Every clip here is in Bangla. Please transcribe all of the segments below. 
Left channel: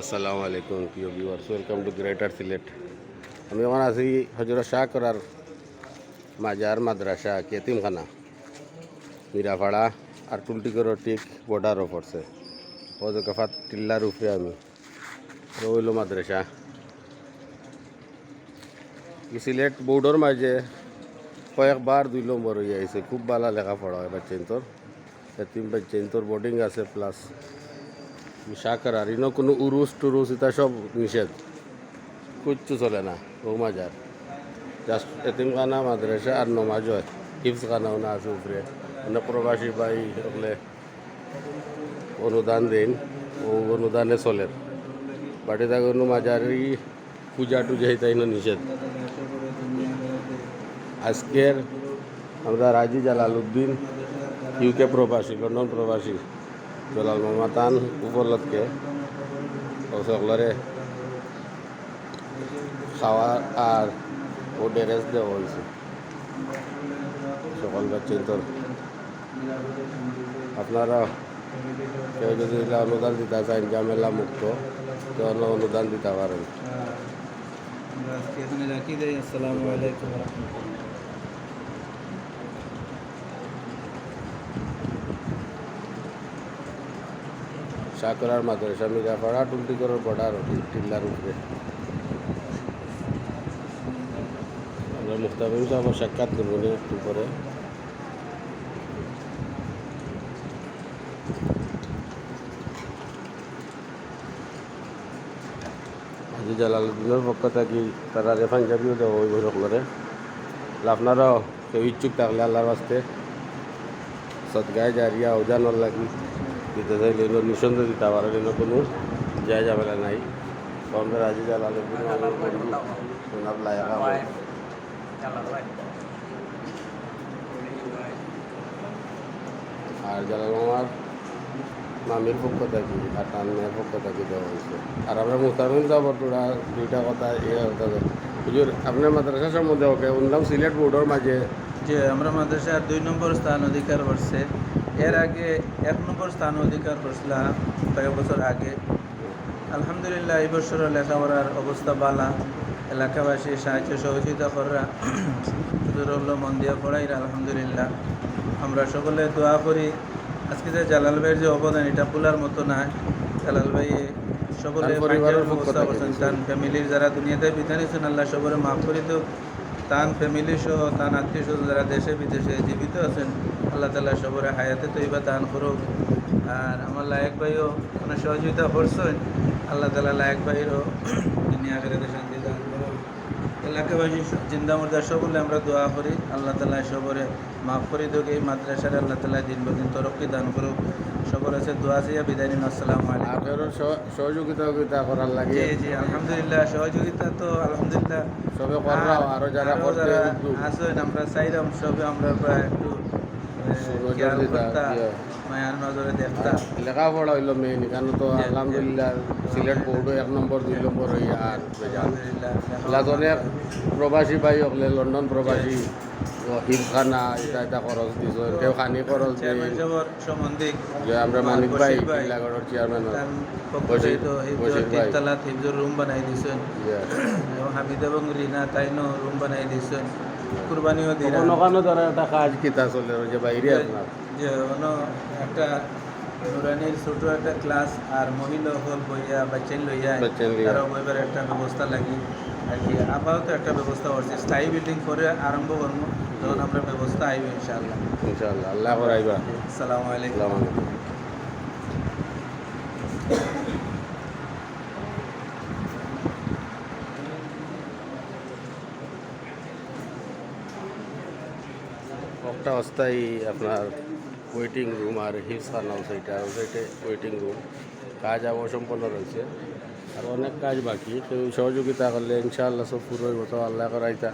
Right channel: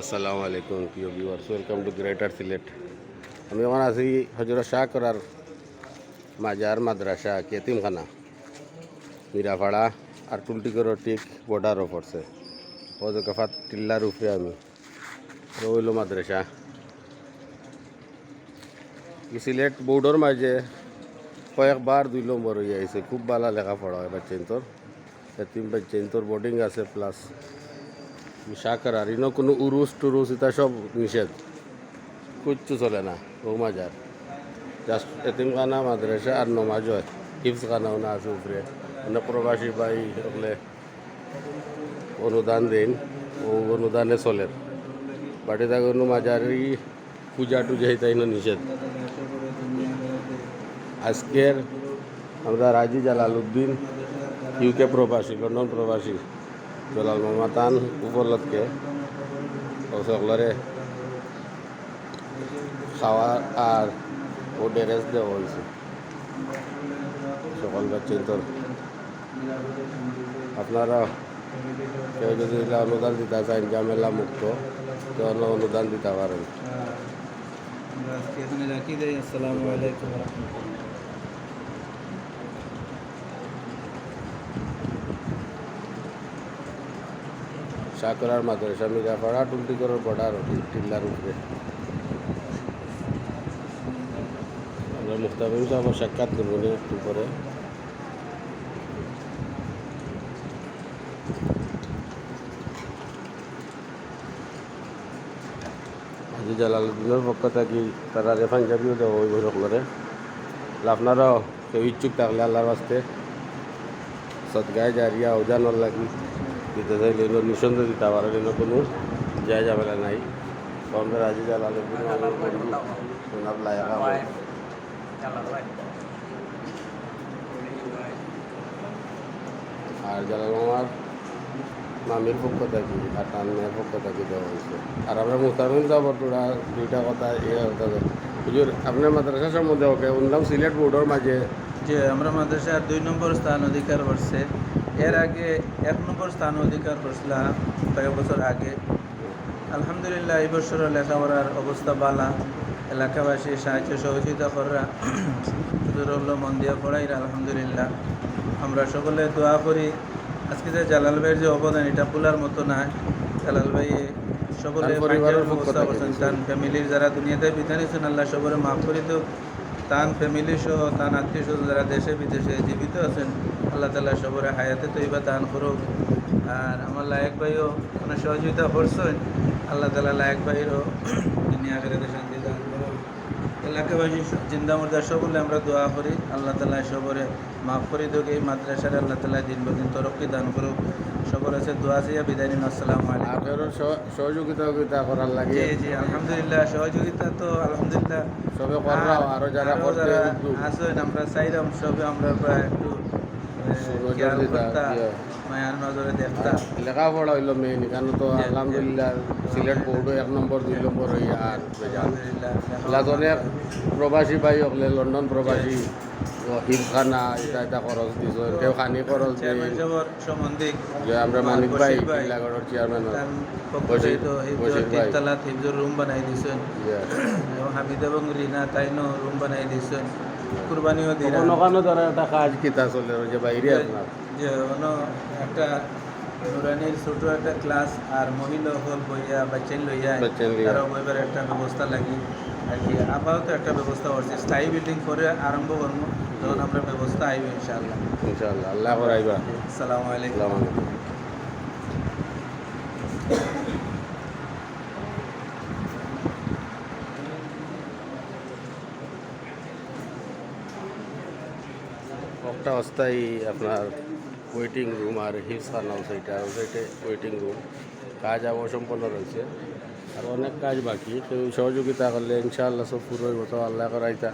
আসসালামু আলাইকুম প্রিয় viewers, welcome to greater Sylhet. আমি এখন আছি হজরত শাহ করার মাজার মাদ্রাসা কেতিমখানা মিরাপাড়া আর টুলটিকর ঠিক বর্ডারও পড়ছে ওজকাফাত টিল্লার উপরে আমি রইল মাদ্রাসা সিলেট বোর্ডর মাঝে কয়েকবার 2 নম্বর হয়ে আইছে। খুব ভালো লেখাপড়া হয় বাচ্চাইন্তর, এতিম বাচ্চাইন্তর বোর্ডিং আছে। প্লাস শাহ করার ইনো কোনো উরুস টুরুস এটা সব নিষেধ, কিচ্ছু চলে না। ও মাজার জাস্ট এতিমখানা মাদ্রাসা আর নমাজ হয়, হিফজখানাও না আছে উপরে। মানে প্রবাসী ভাই হলে অনুদান দিন, ও অনুদানে চলে। বাড়িতে কোনো মাজারি পূজা টুজা তাই না নিষেধ। আজকের আমরা রাজি জালালউদ্দিন ইউকে প্রবাসী, লন্ডন প্রবাসী জলাল মামাতান উপলক্ষে সকলরে খাওয়া আর ও ড্রেস দেওয়া হয়েছে সকল বাচ্চাইন্তর। আপনারা কেউ যদি অনুদান দিতে চান ঝামেলা মুক্ত, কেউ অনুদান দিতে পারেন। আসসালামু আলাইকুম শাকরার মাদ্রাসা মিরাপাড়া টুলটিকরের বর্ডার টিল্লার উপরে। আমরা মুস্তাফিজ সাহেব সাক্ষাৎ করবো একটু পরে। আজি জালালউদ্দিনের পক্ষ থাকি তারা পাঞ্জাবিও দেওয়া হইব সকলরে। আপনারাও কেউ ইচ্ছুক থাকলে আল্লাহর বাস্তে সদগায় জারিয়া ওজানোর লাগি দিতে চাইলে নিঃসন্দেহ দিতে পারেন, এনে কোনো যায় ঝামেলা নাই। তো আমরা আজি জালালউদ্দিন সোনার লায়কা আর জালাল মামার মামির পক্ষ থাকি আর তার মেয়ের পক্ষ থাকি দেওয়া হয়েছে। আর আমরা মুস্তাফিজ সাহেব তোরা দুইটা কথা হুজুর আপনার মাদ্রাসা সম্বন্ধে ওকে উনলাম সিলেট বোর্ডের মাঝে যে আমরা মাদ্রাসার 2 নম্বর স্থান অধিকার করছে। এর আগে 1 নম্বর স্থান অধিকার করছিলাম কয়েক বছর আগে। আলহামদুলিল্লাহ এই বছর লেখাপড়ার অবস্থা ভালো, এলাকাবাসী সাহায্য সহযোগিতা করা শুধু মন দিয়ে পড়াই। আলহামদুলিল্লাহ আমরা সকলে দোয়া করি আজকে যে জালাল ভাইয়ের যে অবদান এটা ভুলার মতো না। জালাল ভাই সকলে পরিবারের পক্ষ ব্যবস্থা থেকে করছেন, তার ফ্যামিলির যারা দুনিয়াতে বিধান হয়েছেন আল্লাহ সবরে মাফ করে দেব। তান ফ্যামিলি সহ তান আত্মীয় স্বজন যারা দেশে বিদেশে জীবিত আছেন আল্লাহ তাআলা সবরে হায়াতে তৈবা দান করুক। আর আমার লায়েক ভাইও অনেক সহযোগিতা করছেন, আল্লাহ তাআলা লায়েক ভাইয়েরও দুনিয়া আখিরাতে শান্তি দান করুক। এলাকাবাসী জিন্দা মুর্দা সকলে আমরা দোয়া করি আল্লাহ তাআলা সবরে মাফ করে দেব। এই মাদ্রাসার আল্লাহ তাআলা দিন বদিন তরক্কি দান করুক। সবর আছে দোয়া চেয়ে বিদায় নিন। আসসালামু আলাইকুম। আপনারও সহযোগিতা করার লাগে। জি জি আলহামদুলিল্লাহ সহযোগিতা তো আলহামদুলিল্লাহ সবে করলাম, আরো যারা করতে আসেন আমরা চাইলাম সবে আমরা প্রায় একটু খেয়াল করতাম, মায়ার নজরে দেখতাম। লেখাপড়া হইল মেইন, এখানে তো আলহামদুলিল্লাহ সিলেট বোর্ডও 1 নম্বর 2 নম্বর হইয়া। আর অনেক প্রবাসী ভাই হলে লন্ডন প্রবাসী হিমখানা এটা এটা খরচ দিছ, কেউ খানি খরচ দিয়ে সম্বন্ধিক যে আমরা মানিক ভাই টিলাগড়ের চেয়ারম্যান তিনতলা তিনজন রুম বানাই দিয়েছেন, হামিদ এবং রিনা তাইনো রুম বানাই দিয়েছেন। কুরবানিও দিয়ে ওখানে ধরো একটা কাজ কিতা চলে যে বাইরে আপনার যে একটা নুরানির ছোট একটা ক্লাস আর মহিলা হল বইয়া বাচ্চাই লইয়া তারা বইবার একটা ব্যবস্থা লাগি আর কি। আপাতত একটা ব্যবস্থা করছি, স্থায়ী বিল্ডিং করে আরম্ভ করবো যখন আমরা ব্যবস্থা আইব ইনশাআল্লাহ। ইনশাআল্লাহ আল্লাহ করাইবা। আসসালামু আলাইকুম। একটা অস্থায়ী আপনার ওয়েটিং রুম আর হিফজখানা সেইটা ওয়েটিং রুম কাজ অসম্পন্ন রয়েছে, আর অনেক কাজ বাকি। কেউ সহযোগিতা করলে ইনশাআল্লাহ সব পুরো হইব। তো আল্লাহ করাইতা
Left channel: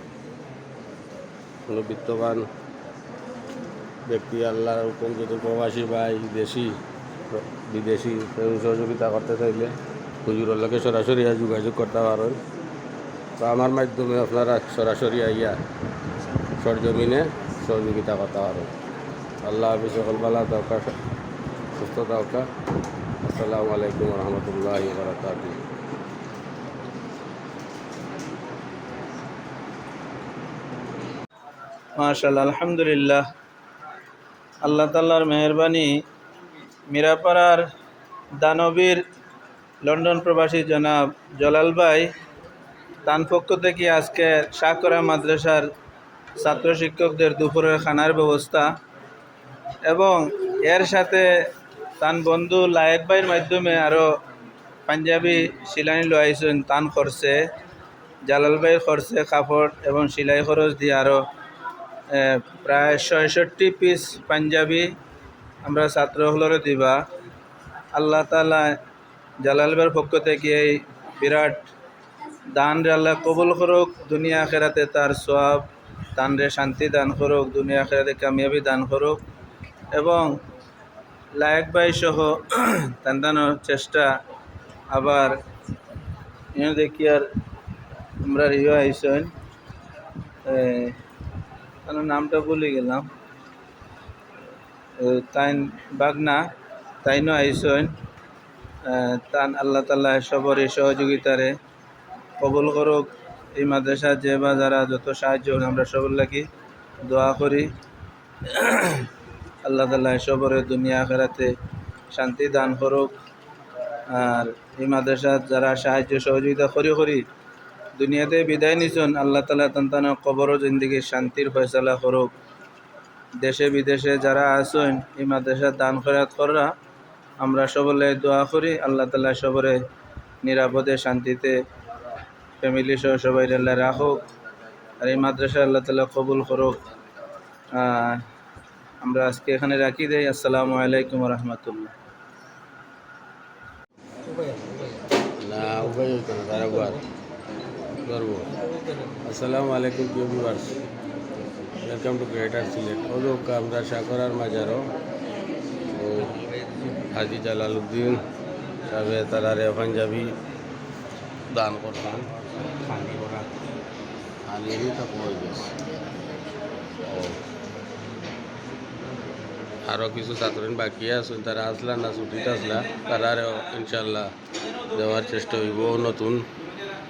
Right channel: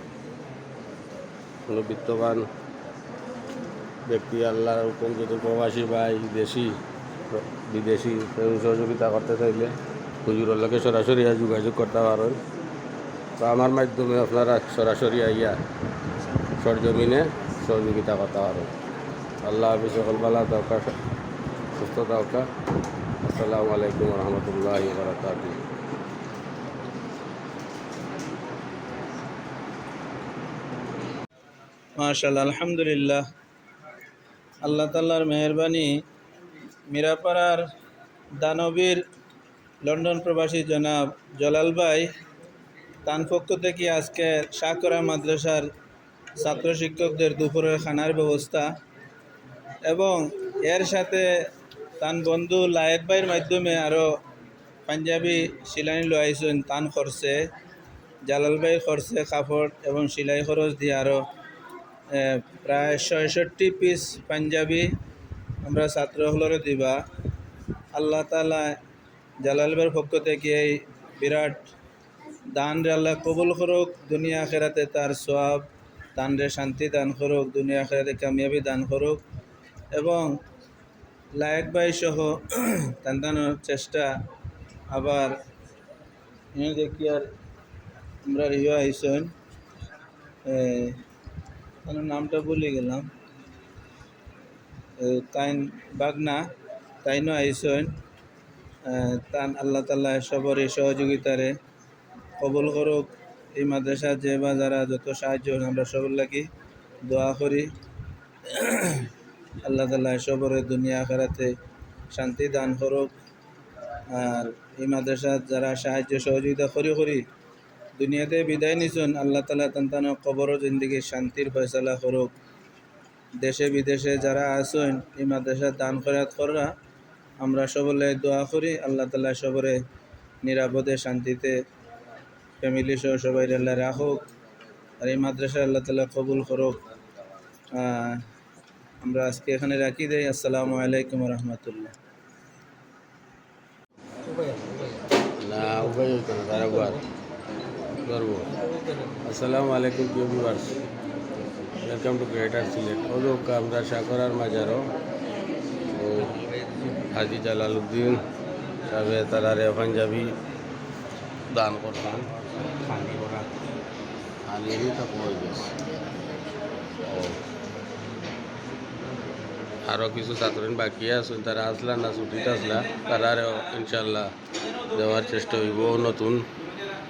কোনো বিত্তবান ব্যক্তি আল্লাহর হুকুম যদি প্রবাসী বা দেশি বিদেশি কেউ সহযোগিতা করতে চাইলে হুজুরের লোকে সরাসরি যোগাযোগ করতে পারেন। তো আমার মাধ্যমে আপনারা সরাসরি আইয়া সরজমিনে সহযোগিতা করতে পারেন। আল্লাহ হাফিজ, সকল ভালো দরকার, সুস্থ দরকার। আসসালামু আলাইকুম রহমতুল্লাহি বারাকাতুহু। মাশাআল্লাহ, আলহামদুলিল্লাহ। আল্লাহ তাআলার মেহেরবানি, মিরাপাড়ার দানবীর লন্ডন প্রবাসী জনাব জলাল ভাই তার পক্ষ থেকে আজকে শাহকরা মাদ্রাসার ছাত্র শিক্ষকদের দুপুরের খানার ব্যবস্থা এবং এর সাথে তান বন্ধু লায়েক ভাইয়ের মাধ্যমে আরও পাঞ্জাবি সিলানি লইছেন তান খরচে, জালাল ভাইয়ের খরচে কাপড় এবং সিলাই খরচ দিয়ে আরও প্রায় ৬৬ পিস পাঞ্জাবি আমরা ছাত্রগুলোরে দিবা। আল্লাহ তাআলা জালাল ভাইয়ের পক্ষ থেকে এই বিরাট দান আল্লাহ কবুল করুক, দুনিয়া আখেরাতে তার সওয়াব দান রে শান্তি দান করুক, দুনিয়া আখেরাতে কামিয়াবি দান করুক এবং লায়েক ভাই সহ তান্দানোর চেষ্টা আবার দেখি আর আমরা রিও আইসেন নামটা ভুলে গেলাম, তাইন বাগনা তাইনও আইসেন। তান আল্লাহ তাআলা সবরই সহযোগিতারে কবুল করুক। এই মাদ্রাসা যে বা যারা যত সাহায্য আমরা সবার লাগি দোয়া করি। আল্লাহ তাআলা সবরে দুনিয়া আখিরাতে শান্তি দান করুক। আর এই মাদ্রাসা যারা সাহায্য সহযোগিতা করি দুনিয়াতে বিদায় নিছেন, আল্লাহ তাআলা তান্তানো কবর ও জিন্দেগির শান্তির ফয়সালা করুক। দেশে বিদেশে যারা আছেন এই মাদ্রাসার দান খয়রাত করা আমরা সবলে দোয়া করি। আল্লাহ তাআলা সবরে নিরাপদে শান্তিতে ফ্যামিলি সহ সবাই আল্লাহ রাখুক। আর এই মাদ্রাসা আল্লাহ তাআলা কবুল করুক। আমরা আজকে এখানে রাখি দেই। আসসালামু আলাইকুম রহমতুল্লাহ। না উপায় হইতো না, তার একবার করবো। আসসালামু আলাইকুম প্রিয় viewers, welcome to greater Sylhet. ওলোক আমরা শাহকরার মাজারও ও হাজি জালালউদ্দিন সাহেবে তারারে পাঞ্জাবি দান করতাম। খালি তো কই গেছে। আরও কিছু ছাত্রীন বাকি আছে, তারা আসলা না ছুটিতে আসলা, তারারেও ইনশাল্লাহ দেওয়ার চেষ্টা হইব নতুন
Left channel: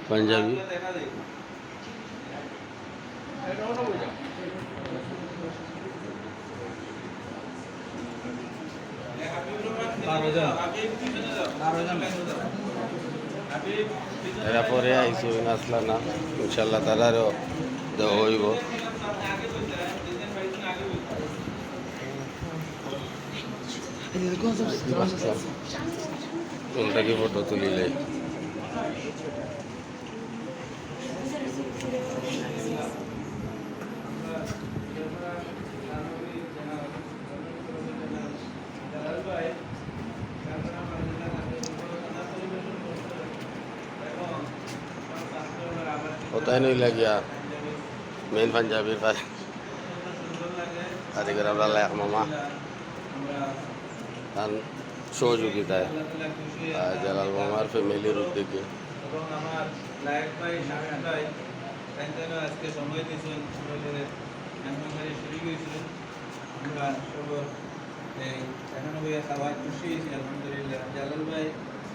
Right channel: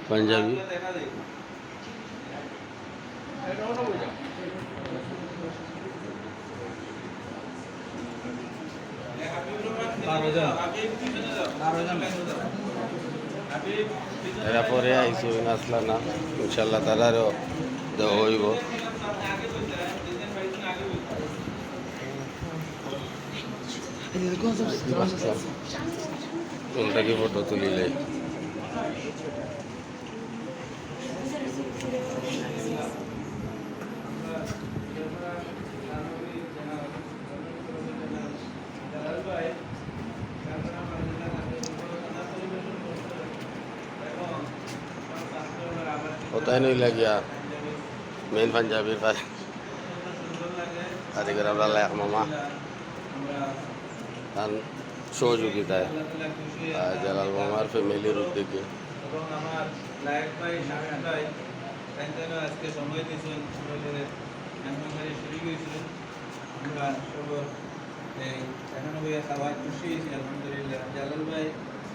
পাঞ্জাবি। এরপরে আইসি আসলা না, ইনশাল্লাহ তারারেও দেওয়া হইব। কোনটাকে ফটো তুলিলে কোথায় নই লাগিয়া মেন পাঞ্জাবির পারে আজকের আমরা লায়ক মামা তার সহযোগিতায় জালাল মামার ফ্যামিলির উদ্যোগে এবং আমার লায়েক ভাই শামিম ভাই আজকে সময় দিয়েছেন, মেহমানদারি শুরু হয়েছিলেন। আমরা সবর এই এখানে বইয়া খাওয়ার খুশি হয়েছি আলহামদুলিল্লাহ। জালাল ভাই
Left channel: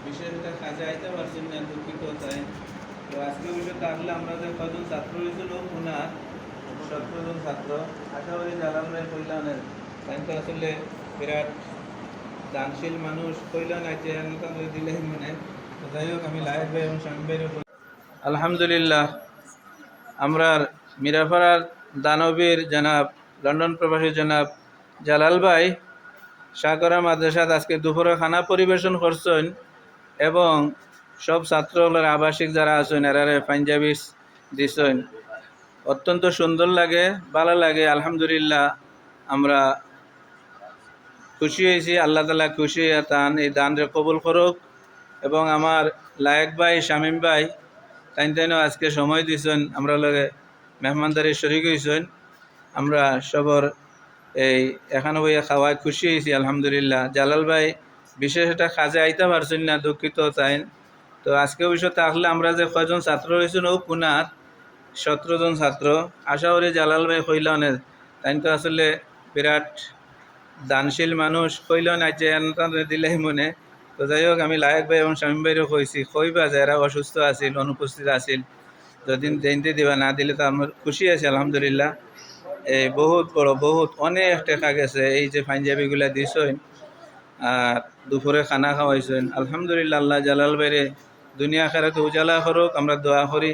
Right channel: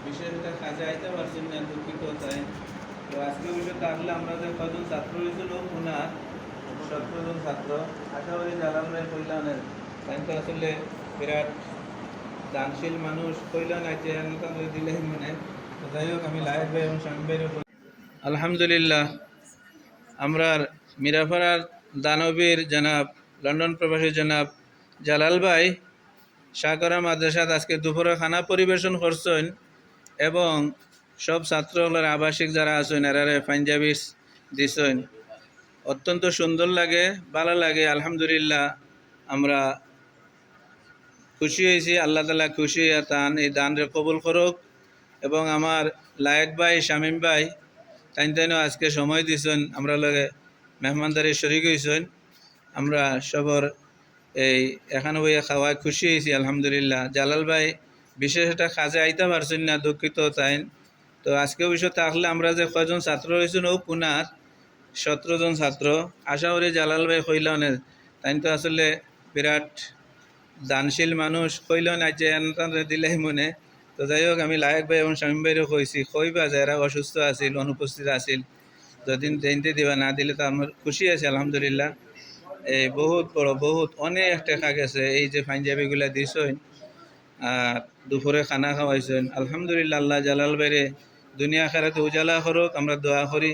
বিশেষ একটা কাজে আইতে পারছেন না, দুঃখিত তাই। তো আজকে বিষয়টা আসলে আমরা যে কজন ছাত্র হয়েছিল ওনার 17 জন ছাত্র, আশা করি জালাল ভাই কল্যাণের তাই তো আসলে বিরাট দানশীল মানুষ কইলেন আছে দিলেই মনে। যাই হোক, আমি লায়েক ভাই এবং শামিম ভাইয়ের আলহামদুলিল্লাহ আমরা মিরাপাড়ার দানবীর জনাব লন্ডন প্রবাসী জনাব জালাল ভাই শাহকরা মাদ্রাসাত আজকে দুপুরে খানা পরিবেশন করছেন এবং সব ছাত্রগুলোর আবাসিক যারা আছেন এরারে পাঞ্জাবি দিছেন। অত্যন্ত সুন্দর লাগে, ভালো লাগে। আলহামদুলিল্লাহ আমরা খুশি হয়েছি। আল্লাহ তাআলা খুশি তান এই দানরে কবুল করুক এবং আমার লায়েক ভাই শামিম ভাই তাইনও আজকে সময় দিয়েছেন, আমরা লগে মেহমানদারি শরিক হয়েছেন। আমরা সবর এই এখানে বইয়া খাওয়ায় খুশি হয়েছি আলহামদুলিল্লাহ। জালাল ভাই বিশেষ একটা কাজে আইতে পারছেন না, দুঃখিত তাইন। তো আজকে বিষয়টা আসলে আমরা যে কয়জন ছাত্র হয়েছেন ও কুনার 17 জন ছাত্র, আশা করি জালাল ভাই কইলানের তাইন তো আসলে বিরাট দানশীল মানুষ কইলেন আছে দিলেই মনে। তো যাই হোক আমি লায়ক ভাই এবং শামীম ভাইরও কইছি কইবা যারা অসুস্থ আছিল অনুপস্থিত আছিল যদি জয়ন্তী দিবা না দিলে তো আমার খুশি আছে আলহামদুলিল্লাহ। এই বহুত বড় বহুত অনেক টাকা গেছে এই যে পাঞ্জাবিগুলা দিছেন আর দুপুরে খানা খাওয়াইছেন আলহামদুলিল্লাহ। আল্লাহ জালাল বাইরে দুনিয়া আখেরাতে উজালা করুক, আমরা দোয়া করি।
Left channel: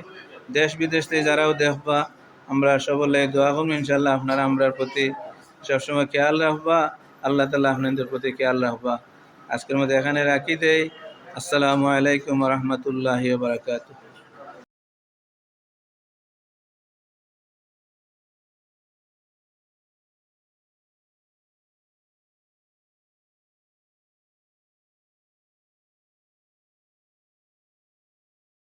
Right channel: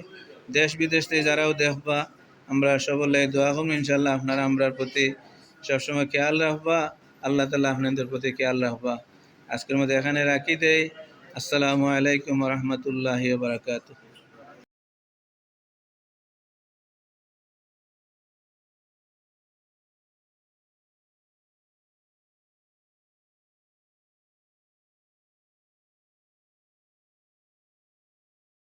দেশ বিদেশ থেকে যারাও দেখবা আমরা সকলে দোয়া করবো ইনশাল্লাহ আপনারা আমরার প্রতি সবসময় খেয়াল রাখবা, আল্লাহ তাআলা আপনাদের প্রতি খেয়াল রাখবা। আজকের মধ্যে এখানে রাখি দেই। আসসালামু আলাইকুম ওয়া রাহমাতুল্লাহি ওয়া বারাকাতুহু।